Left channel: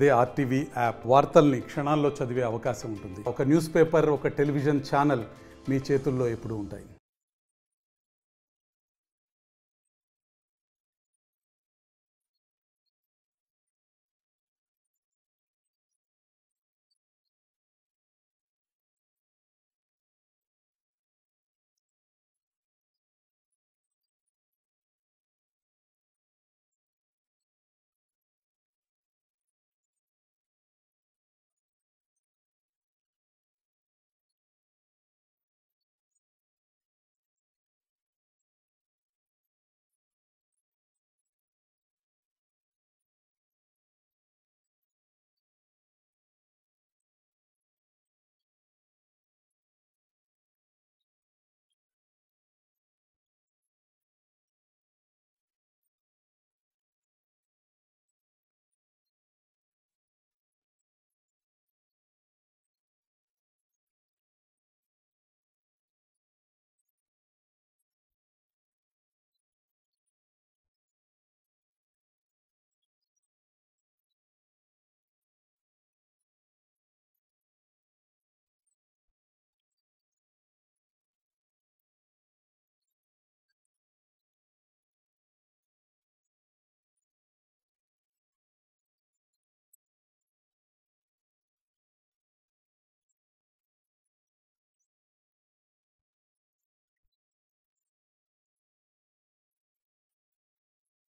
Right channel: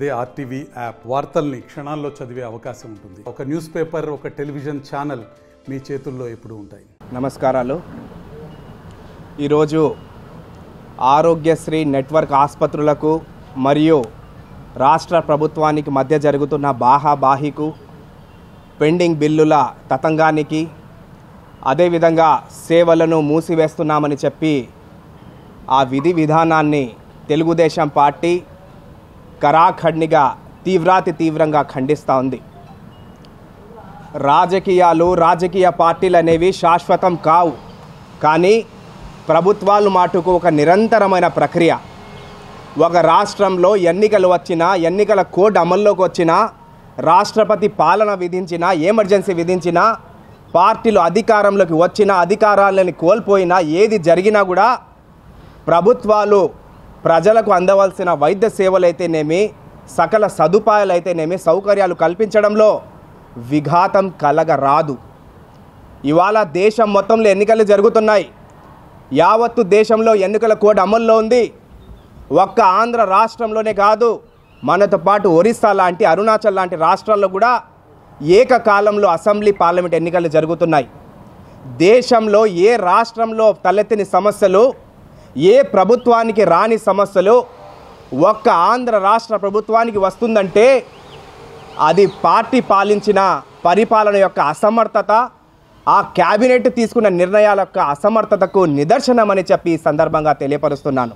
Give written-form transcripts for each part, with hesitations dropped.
అదే RTV app వార్తల్ని క్షణాల్లో చదివే అవకాశం ఉంటుంది. ఒక న్యూస్ పేపర్, ఒక టెలివిజన్ ఛానల్ మీ చేతుల్లో ఎప్పుడూ ఉంటాయి. నమస్కారాలు. ఈరోజు ఆరోగ్యశ్రీ నెట్వర్క్ ఆసుపత్రులకు మరియు రాష్ట్ర ప్రభుత్వానికి మధ్య జరుగుతున్న బాహాబాహికు, పెండింగ్ బిల్లుల తతంగానికి, అదేవిధంగా సేవలను మూసివేస్తున్నామని చెప్పి ఆ విధి విధానాన్ని తెలుగుదేశం పార్టీ కరాఖండిగా తీవ్రంగా ఖండిస్తూ ఉంది. రాజకీయ పార్టీలు అనేవి శాశ్వతం కావు, కానీ ప్రభుత్వాలు మాటుకు ఒక నిరంతరమైన ప్రక్రియ. ఒక రాష్ట్రంలో ఎన్నికలు వచ్చినా, ఎన్నికల కోడ్ అమల్లోకి వచ్చినా, రాష్ట్రపతి పాలన విధించినా, ఎమర్జెన్సీ విధించినా, పార్టీలు అధికారంలోకి వచ్చినా, అధికారాలను కోల్పోయినా, ఏది జరిగినా కూడా ప్రభుత్వాలు ప్రజలకు అందవలసిన వైద్య సేవలైతేనేమి, సకల సదుపాయాలైతేనేమి, సౌకర్యాలు కల్పించడంలో విఘాతం కలగరాదు. ఇవాళ దేశం మొత్తంలో ఎన్నికలు జరుగుతున్నాయి. యావత్తు దేశంలో ఎన్నికల కోడ్ అమల్లో ఉంది. ఒక్క ఆంధ్ర రాష్ట్రంలోనే కాదు, మనతో పాటు ఒరిస్సా లాంటి, అరుణాచల్ లాంటి రాష్ట్రాల్లో కూడా ఏకకాలంలో అసెంబ్లీ, పార్లమెంట్ ఎన్నికలు జరుగుతున్నాయి. దేశంలో ఏ రాష్ట్రంలో తలెత్తిన సమస్యలు, ఏ ప్రభుత్వానికి రాని సమస్యలు ఒక్క ఆంధ్ర రాష్ట్ర ప్రభుత్వానికి వస్తుందంటే అది పార్టీ పాలించిన పరిపాలన యొక్క అసమర్థత, ఆ క్యాబినెట్ తీసుకున్న నిర్ణయాల యొక్క అసమర్థతకు నిదర్శనమని చెప్పి ఈ సందర్భంగా తెలియపరుస్తున్నాను.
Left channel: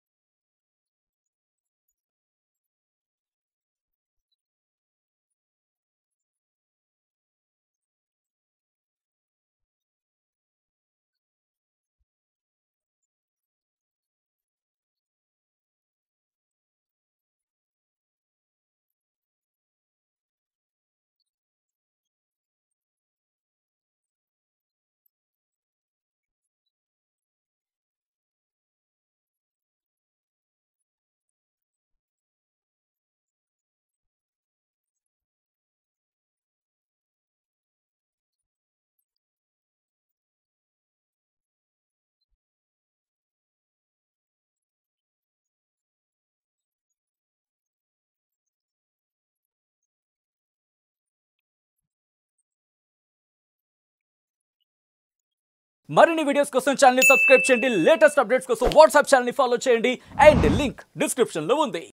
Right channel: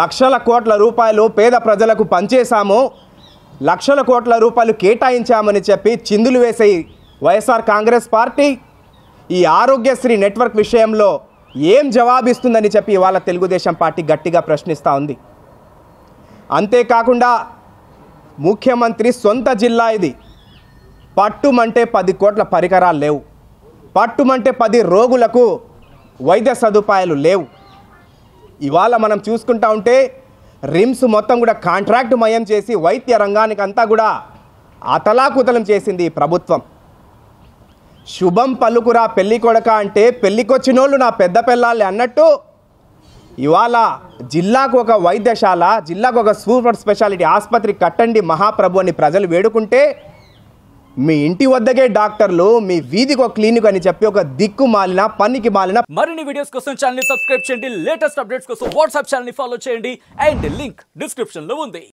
లక్షల కోట్ల రూపాయలు పేద ప్రజలకు పంచేశాము, లక్షల కోట్ల రూపాయలు కేటాయించామని చెప్పి చిందులు వేసే వైఎస్ఆర్ కాంగ్రెస్ పార్టీ ఈ ఆరోగ్యశ్రీ నెట్వర్క్ విషయంలో ఏం జవాబిస్తుందని చెప్పి ఇవాళ తెలుగుదేశం పార్టీ గట్టిగా ప్రశ్నిస్తూ ఉంది. అంతేకాకుండా ముఖ్యమంత్రి సొంత జిల్లా ఇది. పట్టుమంటే 10 కోట్ల పరికరాలు లేవు, పట్టుమంటే 10 రోగులకు వైద్య సదుపాయాలు లేవు. ఇవాళ మనం చూసుకుంటా ఉంటే రిమ్స్ మొత్తం కూడా కాంట్రాక్ట్ మయం చేసి వైద్య రంగానికి అంతా కూడా అతలాకుతలం చేసింది ఈ ప్రభుత్వం. శుభం పలుకురా పెళ్లి కొడక అంటే పెళ్ళికొచ్చినోళ్ళు నా పెద్ద పిల్లాలి అన్నట్టు ఇవాళ జిల్లాకు ఒక వైద్యశాల, జిల్లాకు ఒక సూపర్ స్పెషాలిటీ ఆసుపత్రి కట్టండి మహాప్రభు అని ప్రజలు వేడుకుంటే, మీ ఇంటి వద్దకే డాక్టర్లు, మీ వీధికి ఒక క్లినిక్ అని చెప్పి ఒక దిక్కు మాలిన పనికి మాలిన. మరిన్ని వీడియోస్ కోసం ఛానల్ ని సబ్స్క్రైబ్ చేయండి. లేటెస్ట్ అప్డేట్స్ కోసం వాట్సాప్ ఛానల్ ని ఫాలో చేయండి. అండ్ లింక్ డిస్క్రిప్షన్ లో ఉంది.